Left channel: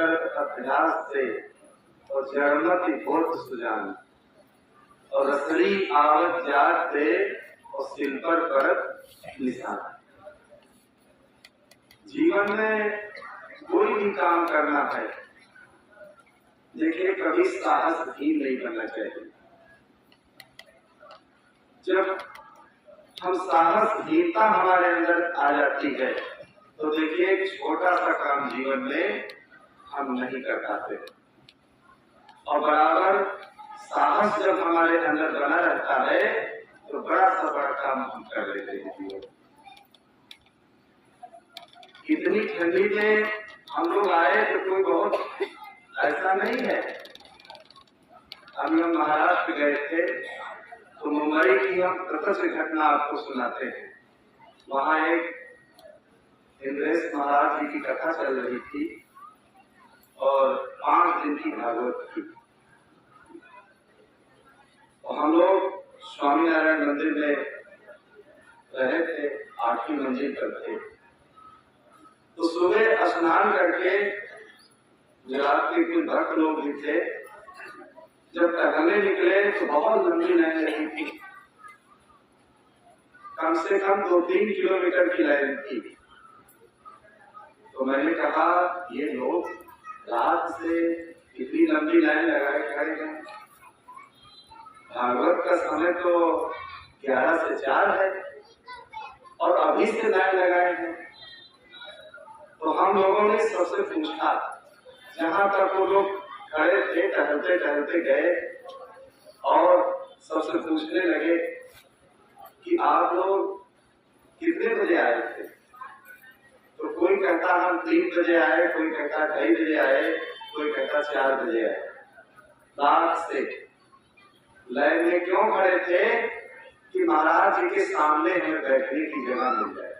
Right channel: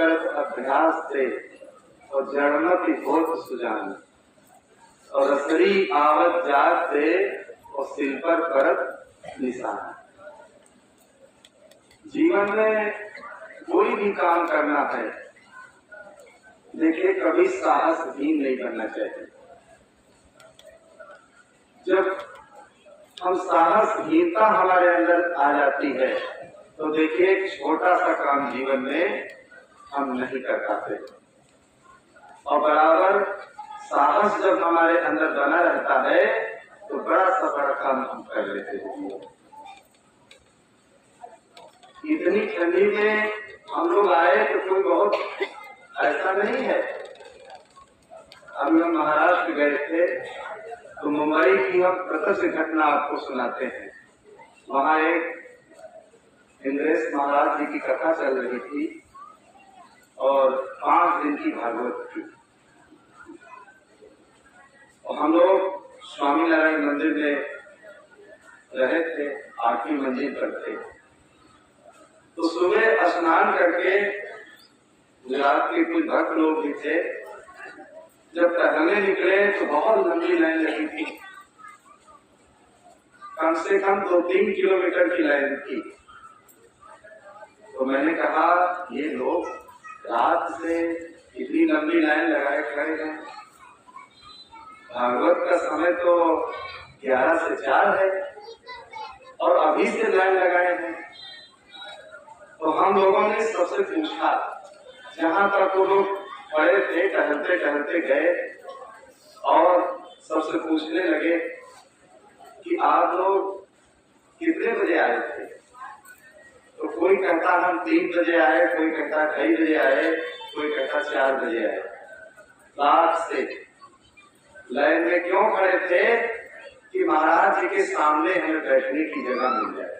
दुष्कर्म अभ्यास से और जड़मति होत सुजान और असरी आवत जात से और सिल पर परत निशान। जीवन में कोई भी काम करना है, देखिए कभी साहसहीन नहीं करना चाहिए। जब हम साहसहीनता हमारे अंदर आ जाती है तो देखिए एक छोटा सा काम जीवन में हम नहीं कर पाते, और बराबर साहस जब हमारे अंदर बना रहता है तो बड़ा सा बड़ा काम हम कर लेते हैं। इतनी ठंडी में हम लोग आए तो कोई बहुत ऐसा नहीं है। अभी हम महाराष्ट्र गए थे तो मुंबई की हम प्रत्यक्ष घटना आपको सुनाते हैं। वहां एक इंद्रेश महाराज जी की कथा चल रही थी और 5 दिन की भागवत थी, और हम लोग स्वामीनारायण मंदिर में रहे थे, 8वीं मंजिल पर थे। तो सुबह स्नान करके गुजरात के कुछ भक्त लोग भी थे, जब टहलने निकले तो बहुत लंबी लाइन लगी थी, कम से कम 2-3 किलोमीटर की लाइन थी। तो मैंने कहा ये लोग रात से इतनी लंबी लाइन लगाए खड़े हैं, भागवत का समय तो 11 से 4 है और अभी से लाइन लगाए हैं। तो हम लोगों ने सबसे पूछा, जहां तक वो लोग खड़े थे टहलते टहलते गए और सबसे पूछने लगे कि आप लोग कितने बजे आए थे? तो कोई कहता हम 3 बजे आए, कोई कहता 2:30 बजे आए, कोई कहता 4 बजे आए। रात से लाइन में क्यों खड़े थे कि महाराज जी के सामने हमें बैठने की जगह मिल जाए,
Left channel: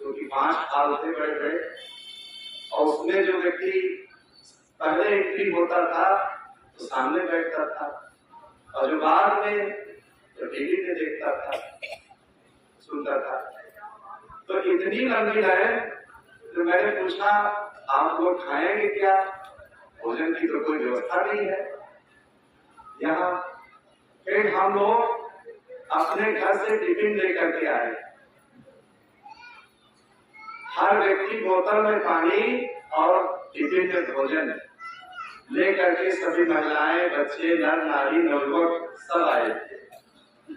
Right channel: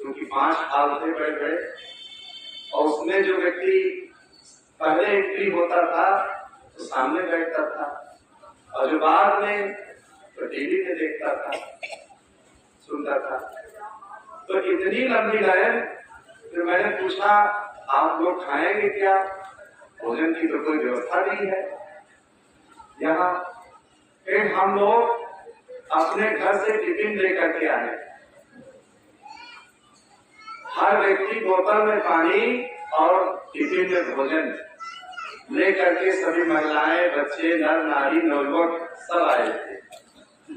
क्योंकि 5 हाल थे बड़े बड़े, और उसमें जो व्यक्ति पहले एंट्री होता था तो सामने बैठता था, और जो बाद में तो टीवी में देखता था, सुनता था। तो इतनी लंबी लाइन, तो मैंने पूछा आप लोग खाएंगे क्या? भोजन की तो कोई व्यवस्था नहीं है यहाँ। फिर हम लोग अपने घर से टिफिन लेकर के आए, हर व्यक्ति बोतल में पानी और टिफिन में भोजन लेकर के सभी महिलाएं, बच्चे, नर नारी, नवयुवक सब आए थे,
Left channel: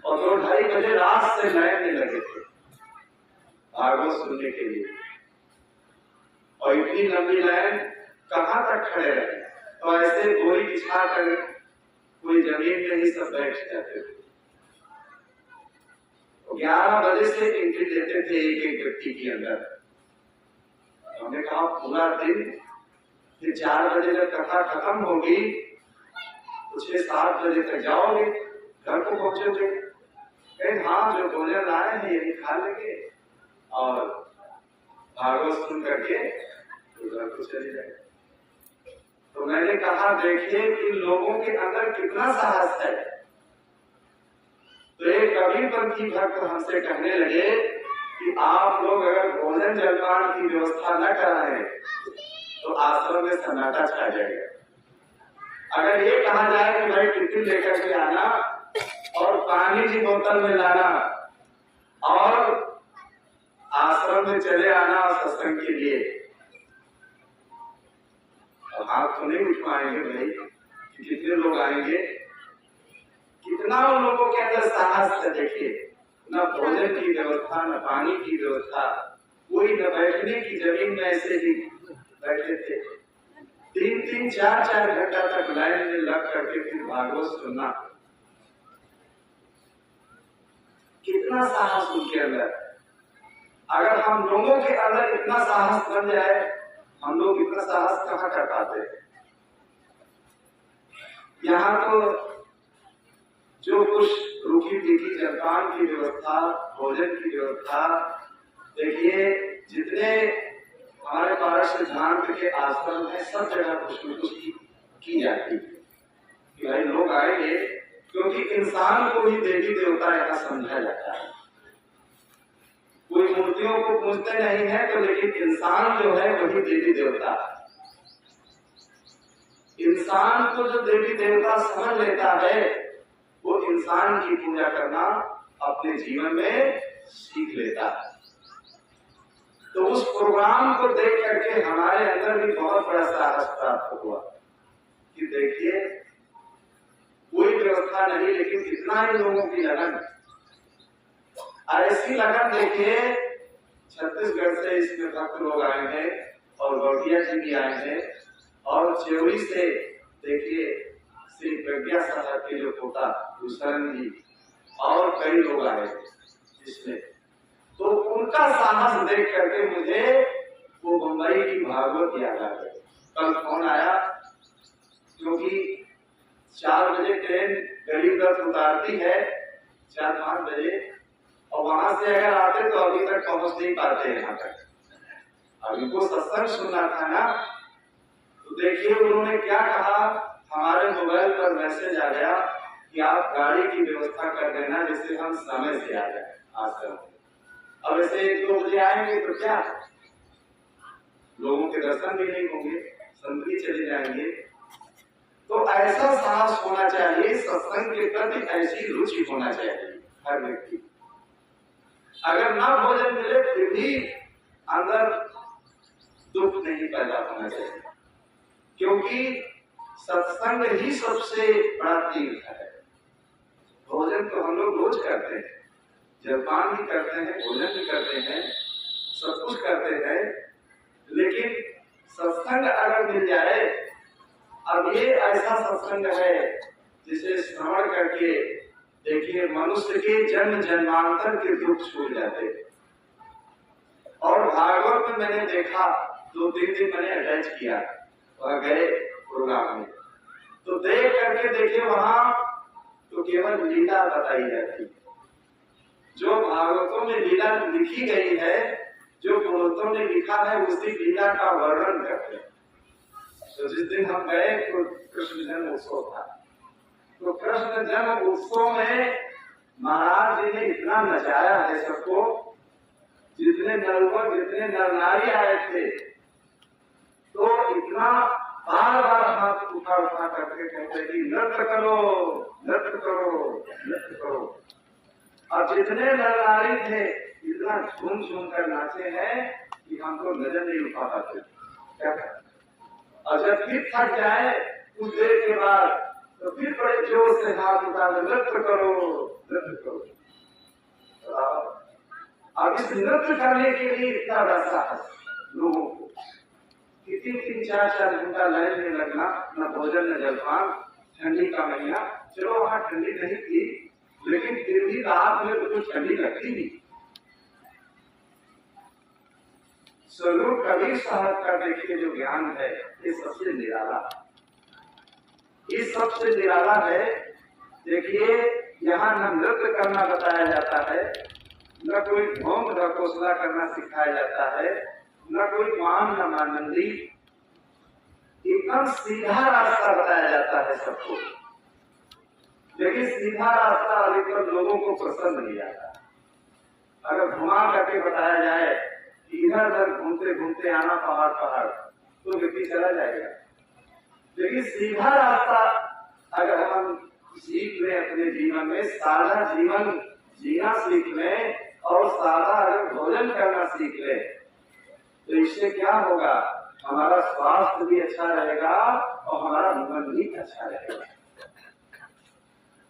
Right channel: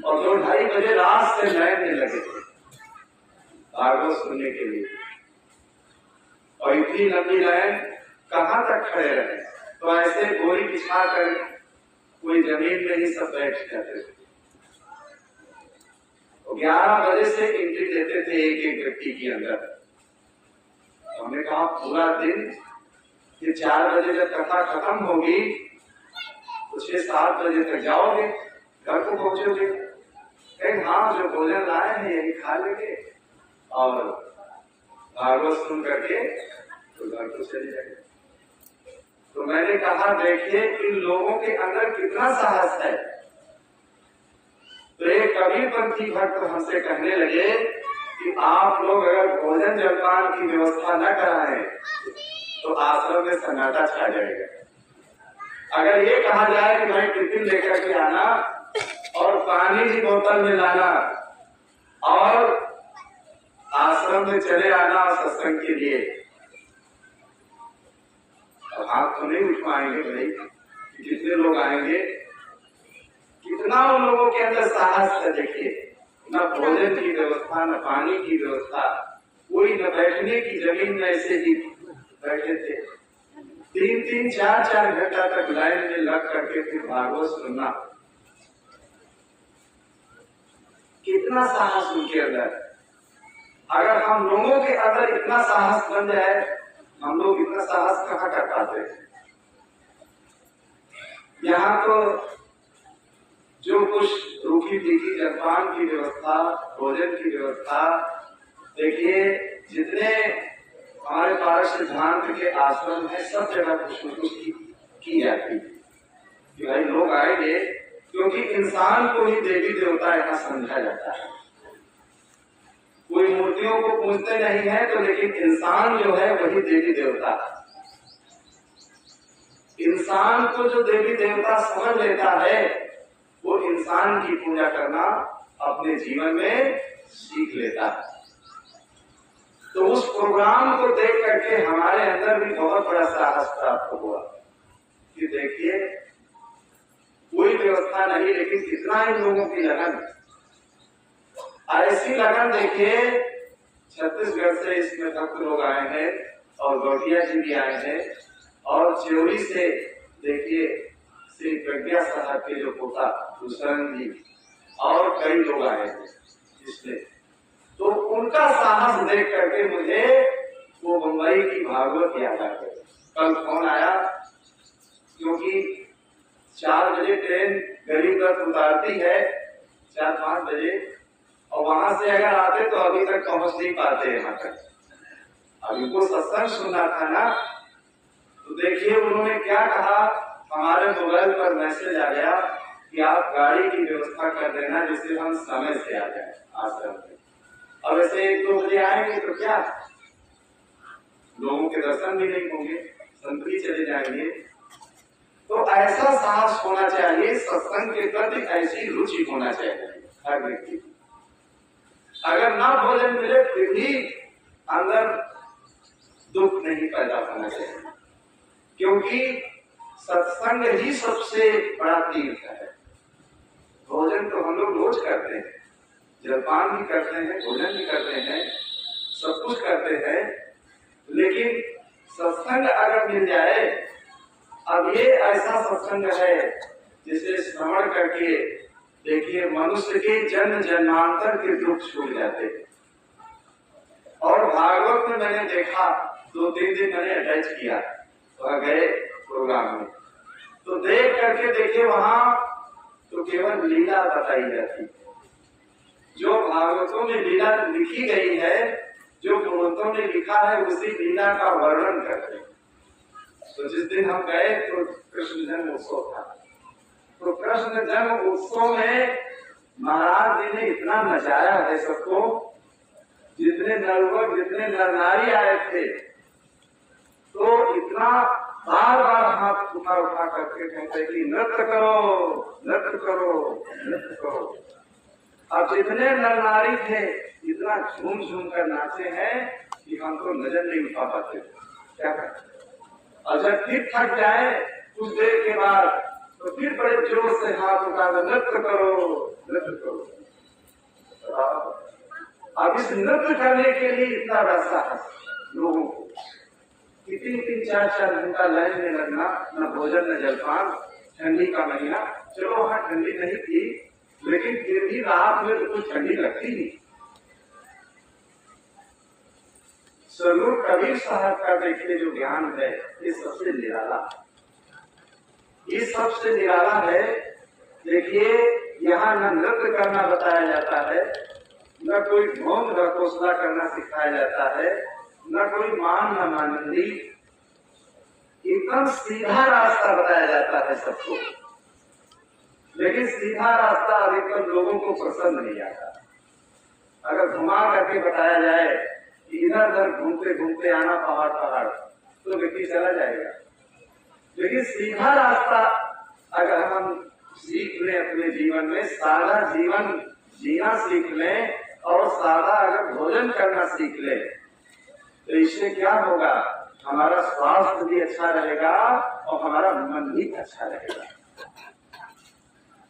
और 2-2:30 बजे रात से लाइन में लगे थे भागवत सुनने के लिए। और इतनी लंबी लाइन कहां तक खड़े रहे? तो ऐसे बोरी बिछा कर कोई जमीन में ही सब बैठ जाते थे। 11 बजे से एंट्री देते थे एक एक व्यक्ति के अंदर। हमने कहा पूरा दिन, ये 4 बजे जब कथा खत्म होगी तो 6-7 बजे तक जाओगे, घर को पहुंचोगे। हाँ, जो भोजन लाए हैं यही खा लेंगे और भागवत सुन करके तो घर को चले जाएंगे। तो मैंने कहा देखिए इन लोगों के अंदर कितना साहस है। तो एक कबीरपंथी भक्त हमसे कहने लगे कि आप लोग अगर भोजन जलपान की व्यवस्था न कराएं तो आश्रम में सन्नाटा छा जाएगा। अगर ये कहा जाए कि भाई टिफिन लेकर के आना और पानी की बोतल में लाना और आश्रम में चले आना सत्संग के लिए, अब हाथ तो नहीं उठवाएंगे भाई कि कितने लोग आएंगे। कितना उन लोगों के अंदर साहस है। देखिए, न भोजन की व्यवस्था, न पानी की व्यवस्था, कोई न बैठने की जमीन में ऐसे ही बैठे थे। 3-3, 4-4 घंटा तक लाइन में लग करके फिर भागवत सुनना, कितना साहस उनके अंदर। अगर हम लोगों के अंदर इतना साहस बन जाए, हम लोग इतना साहस कहाँ कर पाते हैं। यहाँ तो जो कुछ रूखी तीखी जलपान की व्यवस्था, भोजन की व्यवस्था, देखिए जितने हमारे पारस सिद्धांत के आश्रम है सब जगह कुछ न कुछ की जाती है कि भाई लोग आएंगे, क्योंकि इंसान को ही देवी देवता यहाँ समझा जाता है। कोई मूर्तियों को पूजते नहीं है तो, लेकिन इंसान जो है वही देवी देवता है। इंसान को जो देवी देवता समझ लेता है वो इंसान की पूजा करना अपने जीवन में सीख लेता है। तो उस प्रोग्राम को देख करके हमारे अंदर भी बहुत बड़ा साहस प्राप्त हुआ कि देखिए कोई व्यवस्था नहीं, लेकिन कितना ही लोगों की लगन, ऐसी लगन देखिए छत्तीसगढ़ से इसमें भक्त लोग आए हैं और गौटिया जी भी आए हैं और चेवरी से देखिए श्री प्रज्ञा साहब के जो पोता भूषण जी और कई लोग आए हैं जिसमें, तो उनका साहस देख करके मुझे वो मुंबई की भागवत याद आ गई। कल फोन आया क्योंकि 4 बजे ट्रेन गरीब रथ उतारती है 4-5 बजे, और वहां से अगर आते तो अभी तक पहुंच नहीं पाते यहाँ तक। अब इनको सत्संग सुनना था ना, तो देखिए उन्होंने क्या कहा, हमारे मोबाइल पर मैसेज आ गया कि आप गाड़ी की व्यवस्था कर देना जिससे हम समय से आ जाए आश्रम में। अब ऐसे 1-2 बजे आएंगे तो क्या लोगों के दर्शन भी नहीं होंगे, संत भी चले जाएंगे। तो ऐसा साहस होना चाहिए, सत्संग के प्रति ऐसी रुचि होना चाहिए हर व्यक्ति। अगर ना भोजन मिले फिर भी अंदर दुख नहीं पैदा होना चाहिए, क्योंकि सत्संग ही सबसे बड़ा तीर्थ है। भोजन तो हम लोग रोज करते हैं, जलपान भी करते हैं, भोजन भी करते हैं, सब कुछ करते हैं, लेकिन सत्संग अगर मिल जाए, अब ये ऐसा सत्संग है जिसे श्रवण करके देखिए मनुष्य के जन्म जन्मांतर के दुख छूट जाते। और भागवत में मैंने देखा 2-3 दिन मैंने अटैच किया और गए प्रोग्राम में, तो देख करके देखिए वहां तो केवल लीला बताई जाती, जो भागवतों में लीला लिखी गई है, जो पुरोहितों ने लिखा है उसी लीला का वर्णन करते हैं। तो जिस दिन हम गए तो कृष्ण जन्म उत्सव था, तो कृष्ण जन्म उत्सव में महाराज जी ने इतना नचाया है सबको, जितने नरवर जितने नर नारी आए थे तो इतना बार बार हाथ उठा उठा करके कहते कि नृत्य करो नृत्य करो नृत्य करो। और जितने नर नारी थे इतना झूम झूम कर नाचे हैं कि हमको नजर नहीं उठा पाते क्या करते। और जब फिर थक जाए कुछ देर के बाद तो फिर बड़े जोर से हाथ उठा कर नृत्य करो नृत्य करो। अब इस नृत्य करने के लिए इतना बड़ा साहस लोगों को, 3-4 घंटा लाइन में लगना, न भोजन न जलपान, ठंडी का महीना, चलो वहां ठंडी नहीं थी लेकिन फिर भी रात में तो कुछ ठंडी लगती नहीं। स्वरूप कबीर साहब का देखिए जो ज्ञान है ये सबसे निराला, ये सबसे निराला है। देखिए यहाँ न नृत्य करना बताया जाता है, न कोई ढोंग ढकोसला करना सिखाया जाता है, न कोई मान न मानंदी, एकदम सीधा रास्ता बताया जाता है सबको। लेकिन सीधा रास्ता अधिकतर लोगों को पसंद नहीं आता। अगर घुमा करके बताया जाए कि इधर उधर घूमते घूमते आना पहाड़ पहाड़ तो व्यक्ति चला जाएगा। लेकिन सीधा रास्ता अगर हम सीख लें अपने जीवन में, सादा जीवन जीना सीख लें और सादा अगर भोजन करना सीख लें तो इससे क्या होगा, हमारा स्वास्थ्य भी अच्छा रहेगा और हमारा मन भी अच्छा रहेगा।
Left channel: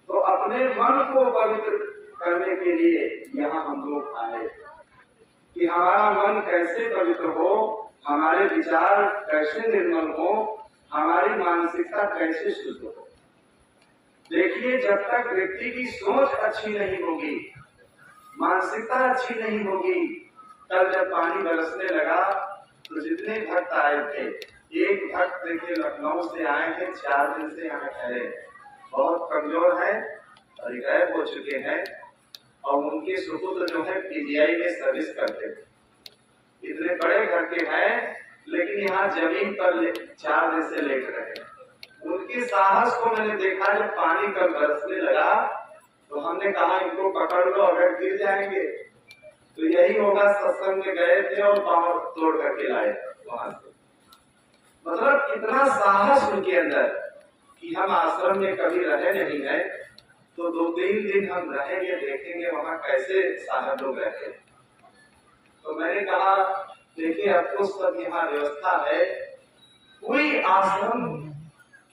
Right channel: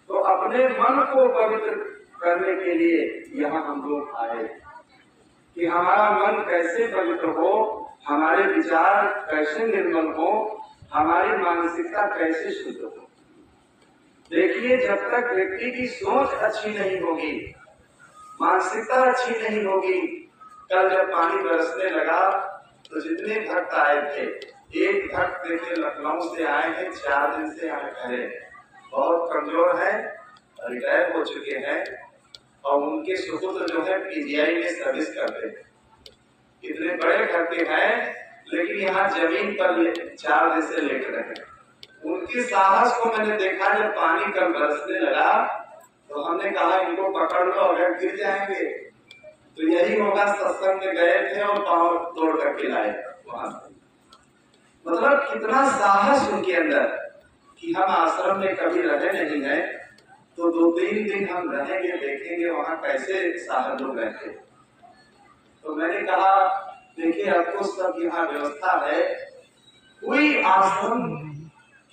तो अपने मन को पवित्र करने के लिए यहाँ हम लोग आए कि हमारा मन कैसे पवित्र हो, हमारे विचार कैसे निर्मल हो, हमारी मानसिकता कैसे शुद्ध हो। देखिए जब तक व्यक्ति की सोच अच्छी नहीं होगी, मानसिकता अच्छी नहीं होगी, कल जब पानी बरसने लगा तो जितने भक्त आए थे, एक भक्त देखे लखनऊ से आए हैं, 4 दिन से यहाँ ठहरे, बहुत कमजोर हैं, रिटायर हो चुके हैं और उनके सुपुत्र जो है पीजीआई में सर्विस करते हैं। इतने बड़े घर के हैं लेकिन यहाँ जमीन पर 4 दिन से लेट रहे। उनके साहस को मैंने देखा, जब पानी कल बरसने लगा तो हमने कहा इनको पकड़ लो, अगर गिर जाएंगे तो यही होगा सत्संग में गए थे और पांव तोड़ करके लाए वहां से। मतलब कितना साहस उनके अंदर कि हम आश्रम में कभी रहे नहीं है, तो 2-3 दिन हम रहेंगे, देखेंगे वहां कैसे साहस लोग रहते। तो मैंने कहा देखिए आपको सब यहाँ व्यवस्था है। कोई आश्रम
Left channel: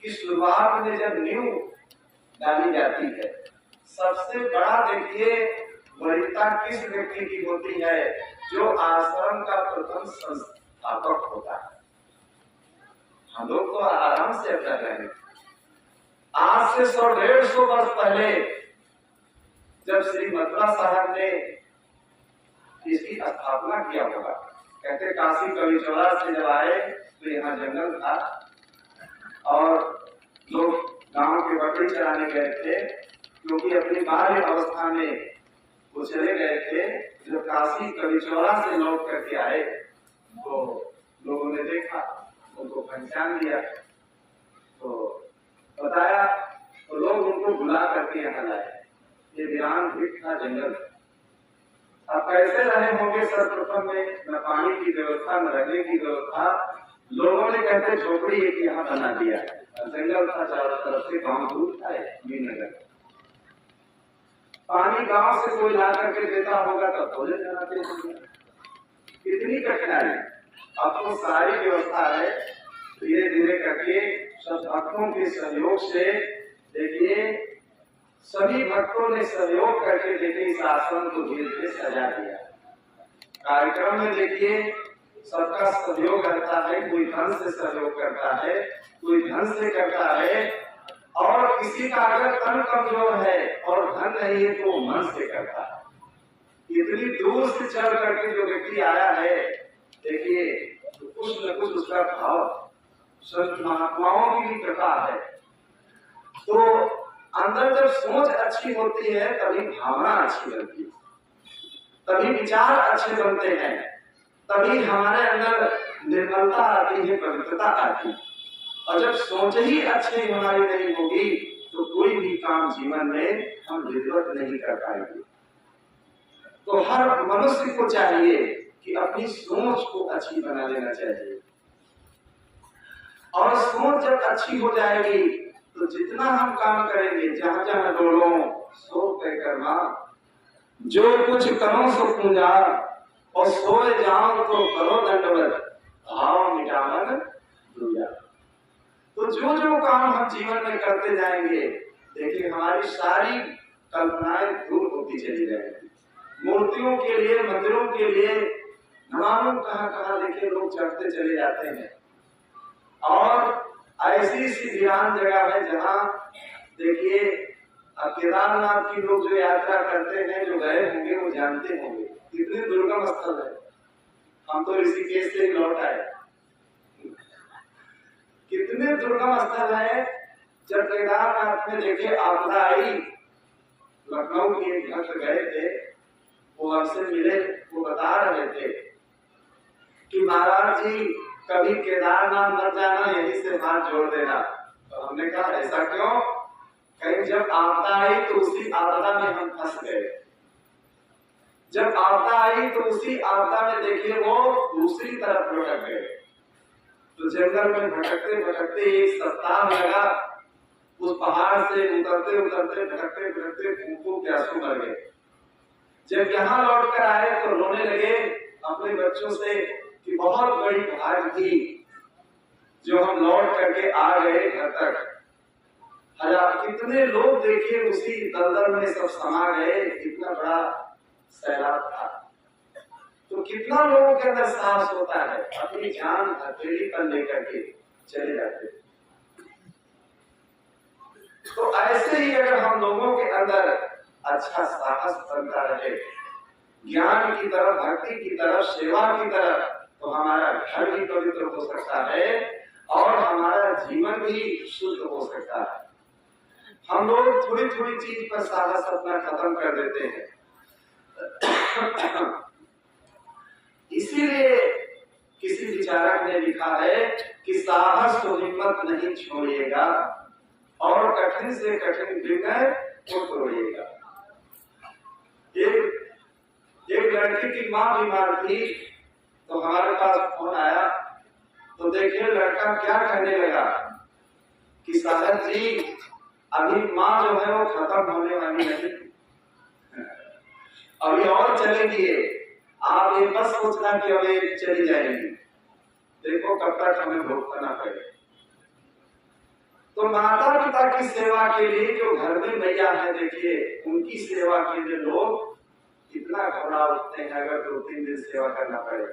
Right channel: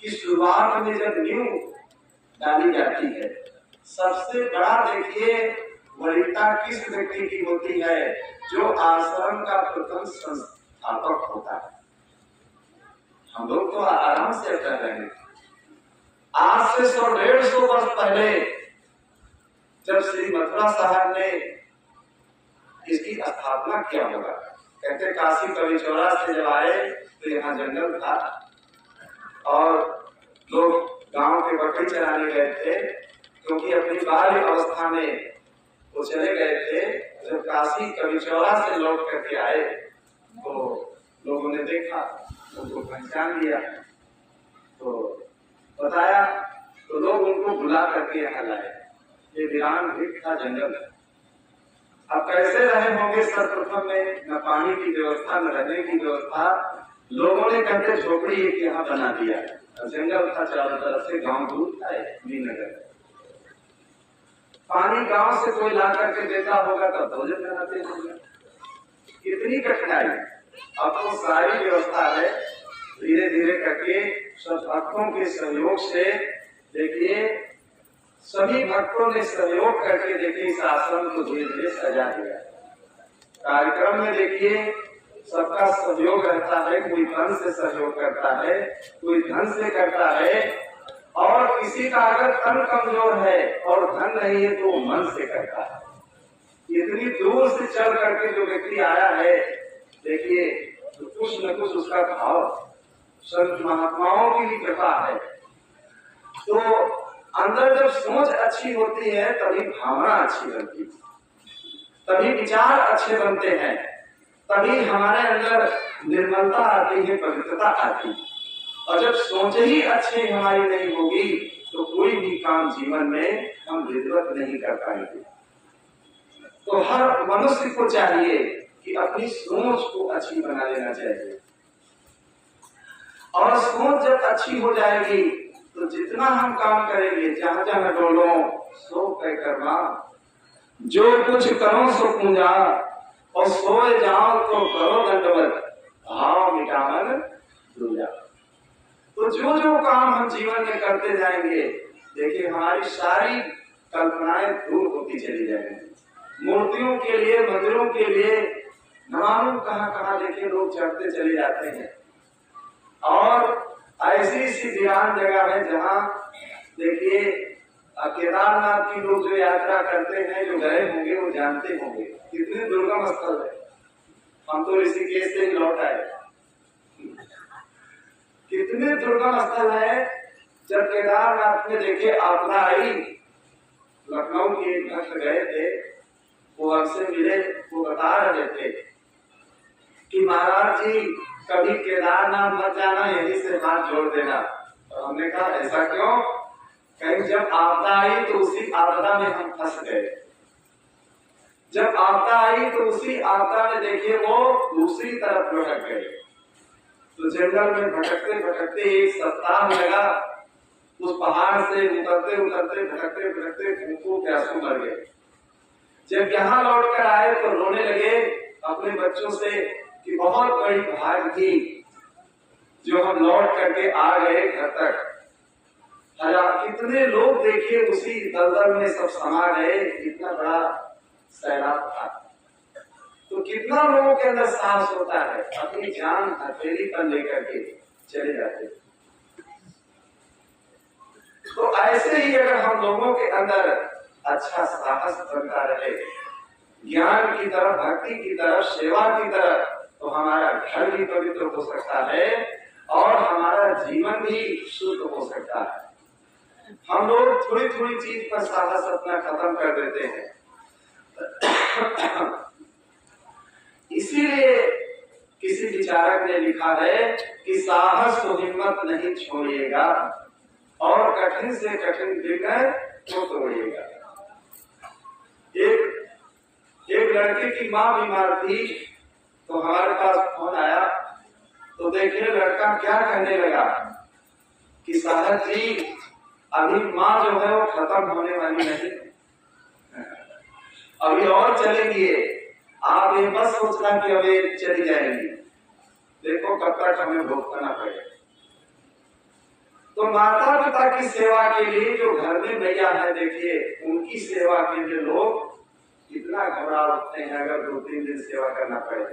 की शुरुआत में जब नींव डाली जाती है, सबसे बड़ा देखिए वरीयता किस व्यक्ति की होती है? जो आश्रम का प्रथम संस्थापक होता है। हम लोग तो आराम से रह रहे हैं। आज से 100-150 वर्ष पहले जब श्री मथुरा साहब ने इसकी स्थापना किया होगा, कहते काशी कवि चौरा से जब आए तो यहाँ जंगल था और लोग गांव के बकरी चराने गए थे, क्योंकि अपनी बाल्य अवस्था में वो चले गए थे। जब काशी कवि चौरा से लौट करके आए तो लोगों ने देखा, उनको पहचान लिया, तो बताया, तो लोग उनको बुला करके यहाँ लाए। ये वीरान भिट था, जंगल। अब कैसे रहे होंगे? सर्वप्रथम में न पानी की व्यवस्था, न रहने की व्यवस्था। लोगों ने कहते झोपड़ी एक यहाँ बना दिया, जंगल था चारों तरफ से, गांव दूर था नगर। पानी गांव से कोई ला करके देता होगा तब भोजन बनाते होंगे। कितनी कठिनाई। अब तो सारी व्यवस्था है, धीरे धीरे करके सब भक्तों के सहयोग से देखिए, सभी भक्तों ने सहयोग करके देखिए इस आश्रम को धीरे धीरे सजा दिया। कार्यक्रम में देखिए सबका सहयोग रहता है, कोई धन से सहयोग करता है, कोई धन से करता है, और किसी का अगर तन कमजोर है और धन नहीं है तो वो मन से करता है। इतनी दूर से चल करके जो व्यक्ति आया है देखिए, तो कुछ न कुछ उसका भाव संत महात्माओं की भी कृपा है। तो अंदर जब सोच अच्छी होती है तभी भावना अच्छी बनती है, तभी विचार अच्छे बनते हैं, तभी हमारे अंदर निर्मलता आती है, पवित्रता आती है। और जब सोच ही अच्छी हमारी नहीं होगी तो कोई भी काम जीवन में हम विधिवत नहीं कर पाएंगे। तो हर मनुष्य को चाहिए कि अपनी सोच को अच्छी बना लेना चाहिए, और सोच जब अच्छी हो जाएगी तो जितना हम काम करेंगे, जहां जहां डोलो सो कह कर्मा, जो कुछ करो सो पूजा, और सोए जाओ तो करो दंडवत, भाव मिटावन दूजा। तो जो जो काम हम जीवन में करते जाएंगे देखिए हमारी सारी कल्पनाएं दूर होती चली जाएंगी। मूर्तियों के लिए, मंदिरों के लिए न मालूम कहां कहां देखिए लोग चढ़ते चले जाते हैं, और ऐसी सी वीरान जगह है जहां देखिए केदारनाथ की लोग जो यात्रा करते हैं, जो गए होंगे वो जानते होंगे कितने दुर्गम स्थल है। हम तो ऋषिकेश से लौट आए, कितने दुर्गम स्थल है। जब केदारनाथ में देखे आपदा आई, लखनऊ के एक भक्त गए थे, वो हमसे मिले, वो बता रहे थे कि महाराज जी कभी केदारनाथ मत जाना, यहीं से हाथ जोड़ देना। तो हमने कहा ऐसा क्यों? कहीं जब आपदा आई तो उसी आपदा में हम फंस गए। जब आपदा आई तो उसी आपदा में देखिए वो दूसरी तरफ भटक गए। तो जंगल में भटकते भटकते 1 सप्ताह लगा, उस पहाड़ से उतरते उतरते भटकते भटकते भूखों प्यासों मर गए। जब यहाँ लौट कर आए तो रोने लगे अपने बच्चों से कि बहुत बड़ी भाग थी जो हम लौट करके आ गए घर तक। कितने लोग देखिए उसी दलदल में सब समा गए, इतना बड़ा सैलाब था। तो कितना लोगों के अंदर साहस होता है, अपनी जान हथेली पर लेकर के चले जाते। तो ऐसे ही अगर हम लोगों के अंदर अच्छा साहस बनता रहे, ज्ञान की तरफ, भक्ति की तरफ, सेवा की तरफ, तो हमारा घर भी पवित्र हो सकता है और हमारा जीवन भी शुद्ध हो सकता है। हम लोग थोड़ी थोड़ी चीज पर साहस अपना खत्म कर देते हैं। इसीलिए किसी विचारक ने लिखा है कि साहस तो हिम्मत नहीं छोड़िएगा और कठिन से कठिन विघ्न को तोड़िएगा। एक लड़के की मां बीमार थी, तो हमारे पास फोन आया, तो देखिए लड़का क्या कहने लगा कि साहब जी अभी माँ जो है वो खत्म होने वाली नहीं, अभी और चलेंगी, आप ये बस सोचना कि अभी चली जाएंगी, देखो कब तक हमें भुगतना पड़ेगा। तो माता पिता की सेवा के लिए जो घर में मैया है, देखिए उनकी सेवा के लिए लोग इतना घबरा उठते हैं अगर 2-3 दिन सेवा करना पड़े।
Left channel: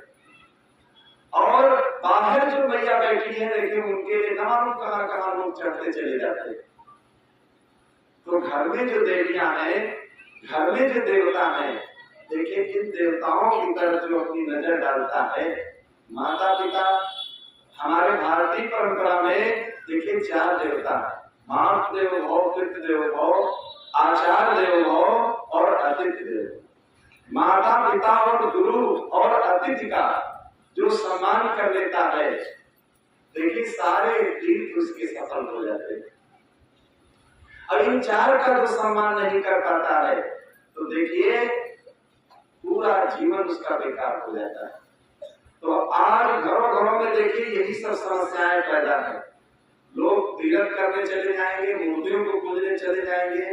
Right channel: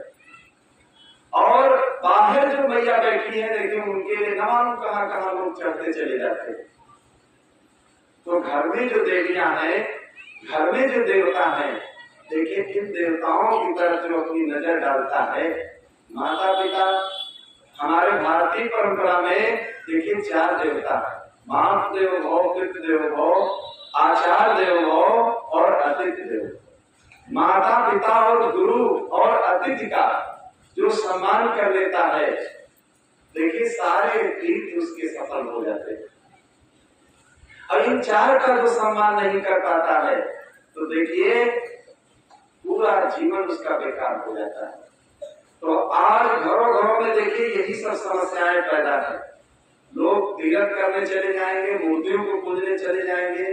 और बाहर जो मैया बैठी है देखिए उनके लिए न मालूम कहां कहां लोग चढ़ते चले जाते हैं। तो घर में जो देवियां हैं, घर में जो देवता हैं, देखिए इन देवताओं की तरफ जो अपनी नजर डालता है माता पिता। हमारे भारतीय परंपरा में देखिए 4 देवता है, मातृ देवो भव, पितृ देवो भव, आचार्य देवो भव और अतिथि देवो। माता पिता और गुरु और अतिथि का जो सम्मान कर लेता है, देखिए सारे तीर्थ उसके सफल हो जाते हैं। और इन 4 का जो सम्मान नहीं कर पाता है तो देखिए पूरा जीवन उसका बेकार हो जाता है। तो आज घरों घरों में देखिए यही सब समस्याएं पैदा है। लोग तीर्थ करने चले जाएंगे, मूर्तियों को पूजने चले जाएंगे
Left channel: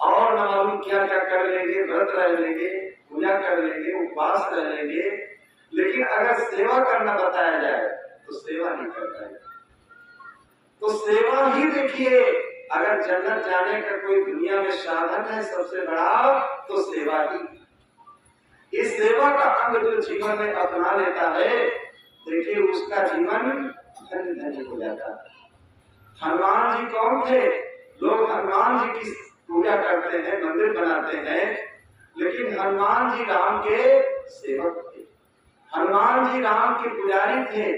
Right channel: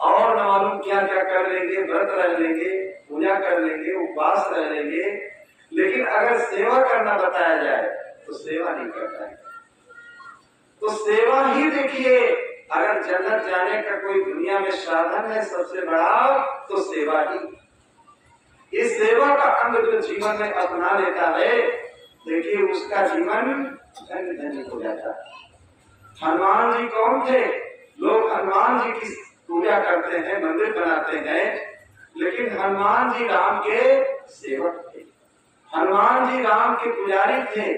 और न मालूम क्या क्या कर लेंगे, व्रत रह लेंगे, पूजा कर लेंगे, उपवास रह लेंगे, लेकिन अगर सेवा करना बताया जाए तो सेवा नहीं करता है। तो सेवा ही देखिए अगर जन्नत जाने का कोई दुनिया में साधन है सबसे बड़ा तो सेवा ही। इस सेवा का अंग जो जीवन में अपना लेता है देखिए उसका जीवन धन्य धन्य हो जाता है। हनुमान जी कौन थे? लोग हनुमान जी की पूजा करते हैं, मंदिर बनाते हैं, लेकिन हनुमान जी राम के सेवक थे, हनुमान जी राम के पुजारी थे।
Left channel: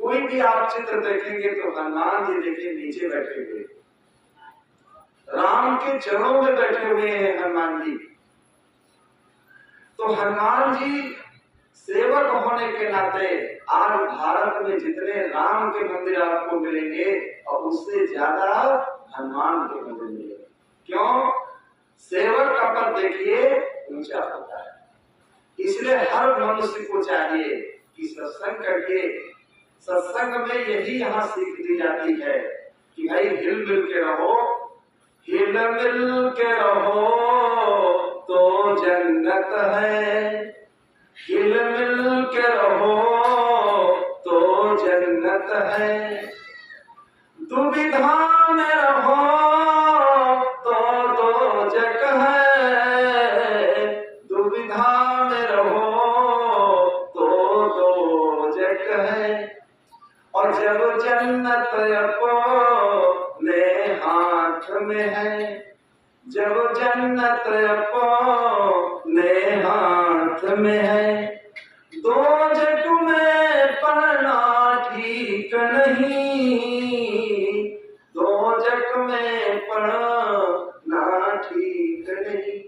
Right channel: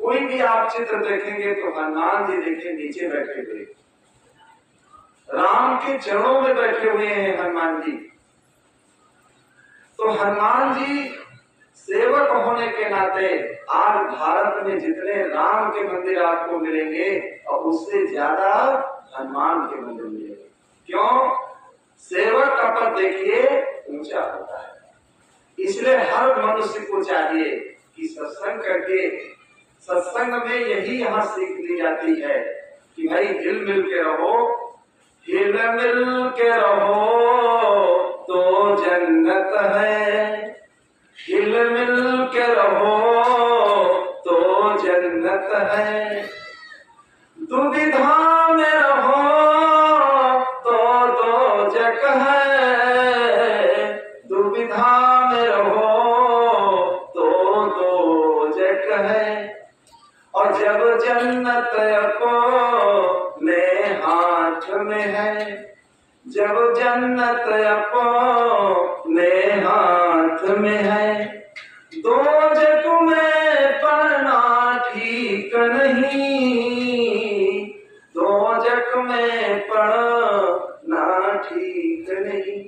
कोई भी आप चित्र देखेंगे तो हनुमान जी देखिए नीचे बैठे हुए, राम के चरणों में बैठे हुए हैं हनुमान जी। तो हनुमान जी सेवक होने के नाते आज भारत में जितने राम के मंदिर आपको मिलेंगे और उससे ज्यादा हनुमान के मंदिर मिलेंगे। क्यों? सेवक का पद देखिए ऊंचा होता है। इसलिए हर मनुष्य को चाहिए कि सत्संग करके, सत्संग में यही यहाँ सीख दी जाती है कि भाई हिल मिल के रहो, हिल मिल के रहो तो जन्नत है, हिल मिल के रहो तो जन्नत है, दुविधा में रहो तो दोजख है, दुविधा में रहो तो दोजख है। और जब जन्नत अपने हाथ में है, जब जन्नत अपने हाथ में है, दोजख में पड़ना ठीक नहीं, दोजख में पड़ना ठीक नहीं।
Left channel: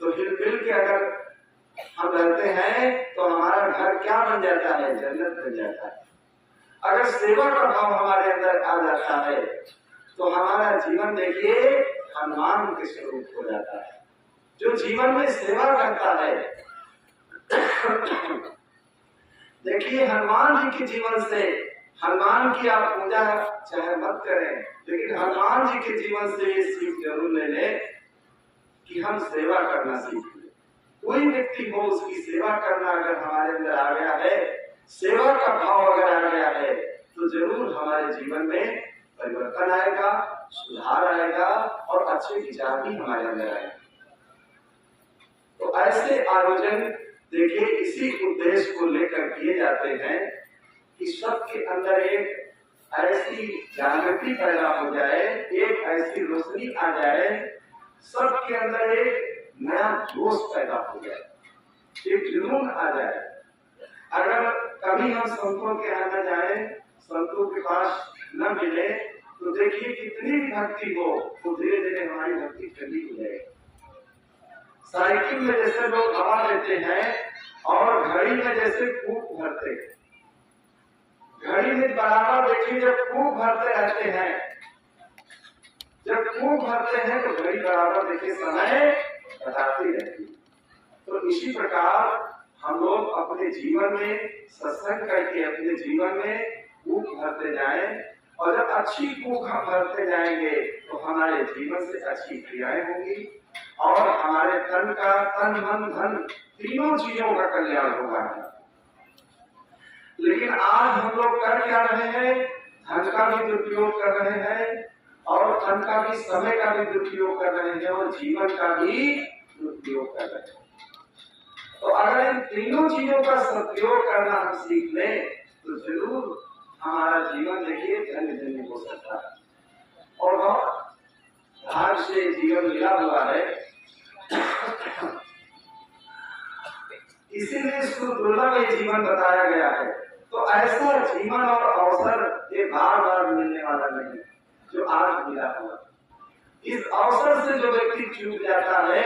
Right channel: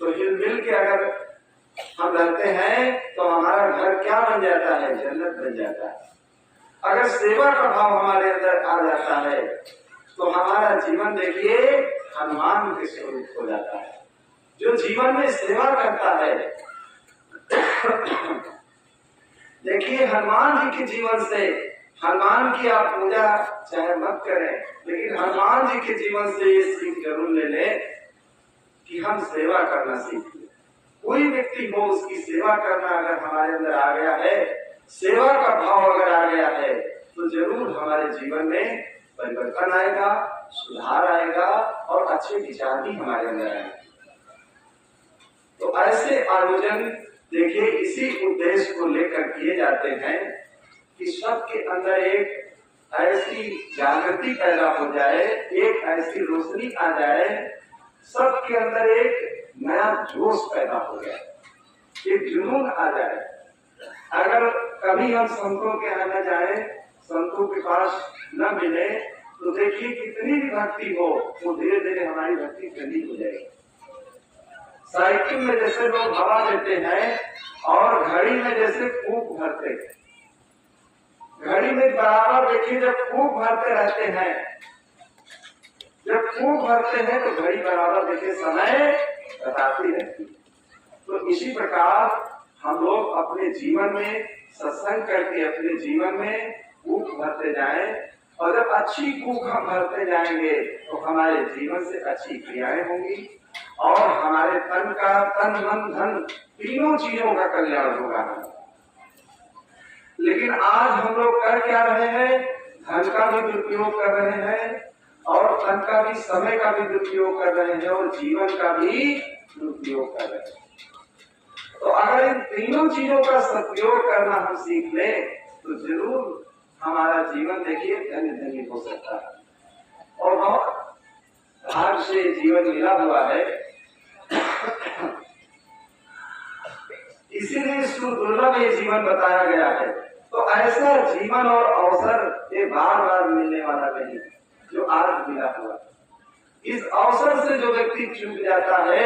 तो हिल मिल के अगर हम रहते हैं तो हमारा घर क्या बन जाता है? जन्नत बन जाता है। अगर सेवा का भाव हमारे अंदर आ जाता है तो हमारा जीवन देखिए हनुमान के स्वरूप हो जाता है। जो जीवन में सेवा करता है देखिए हनुमान जी के जीवन से, हनुमान की आप पूजा चाहे मत करें लेकिन हनुमान जी के जीवन से ये सीख जरूर ले लें कि हम सेवा करना सीख लें। कोई व्यक्ति हो उसकी सेवा करना अगर हमारे अंदर आ गया है, सेवा का भाव अगर आ गया है तो जरूर हमारे जीवन में परिवर्तन आएगा, सुधार आएगा और अच्छे विचार भी हमारे अंदर आएंगे। तो ऐसे आयोजन देखिए इसी उद्देश्य को लेकर किए जाते हैं कि सबके अंदर एक ऐसी जागृति पैदा हो जाए, एक ऐसी रोशनी आ जाए, सबके अंदर एक नया जोश पैदा हो जाए, एक जुनून आ जाए। अगर कभी हम संतों के यहाँ न जाए, संतों के पास न मिले तो देखिए कितनी भी भक्ति हो तो धीरे धीरे हमारी भक्ति ठंडी हो जाएगी। साइकिल में जैसे लोग हवा देते हैं और घड़ी में जैसे फूंक भरते, घड़ी में बराबर देखिए जब फूंक भरते रहते हैं, जब फूंक भरते हैं तो घड़ी बराबर देखिए समय बताती रहती। तो इसी प्रकार हम लोग अपने जीवन में सत्संग करके अपने जीवन में कूक भरते जाएं, और जब अच्छी कूक हम भरते जाएंगे तो हमारे जीवन से अच्छी क्रियाएं होंगी और हमारे तन मन धन तीनों चीजों का कल्याण होगा। लेकिन आज हम लोग कर क्या रहे हैं? धन का भी दुरुपयोग कर रहे हैं और तन का भी, समय का भी दुरुपयोग कर रहे हैं और जीवन का भी दुरुपयोग कर रहे हैं। तो अगर इन तीनों चीजों का सदुपयोग करना हम सीख लें तो जरूर हमारा जीवन देखिए धन्य धन्य हो सकता है और बहुत भाग्य से जीवन मिला हुआ है। इसीलिए सुदुर्लभ ये जीवन बताया गया है। तो ऐसा जीवन और अवसर ये बार बार मिलने वाला नहीं जो आज मिला हुआ। इस अवसर से जो व्यक्ति चूक जाता है,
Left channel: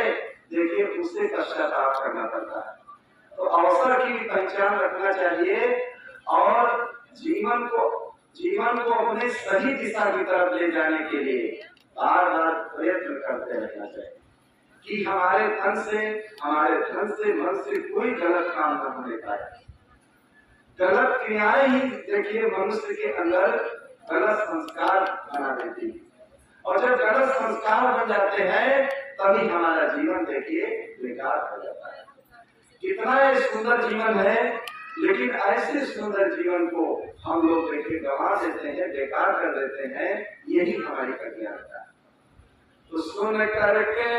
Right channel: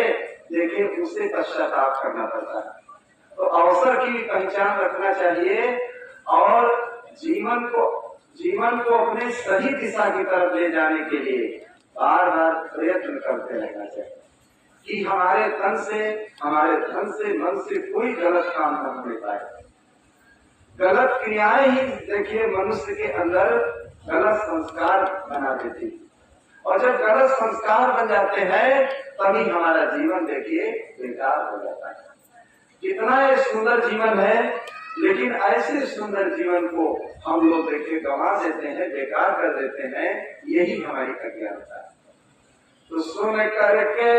देखिए उसे पश्चाताप करना पड़ता है। तो अवसर की पहचान रखना चाहिए और जीवन को अपने सही दिशा की तरफ ले जाने के लिए बार बार प्रयत्न करते रहना चाहिए कि हमारे धन से मन से कोई गलत काम न होने पाए। गलत क्रियाएं ही देखिए मनुष्य के अंदर गलत संस्कार बना देती है और जब गलत संस्कार बन जाते हैं तभी हमारा जीवन देखिए बेकार हो जाता है। कितना ये सुंदर जीवन है, लेकिन ऐसे सुंदर जीवन को हम लोग देखिए गंवा देते हैं, बेकार कर देते हैं। यही हमारी अज्ञानता है। तो सुन करके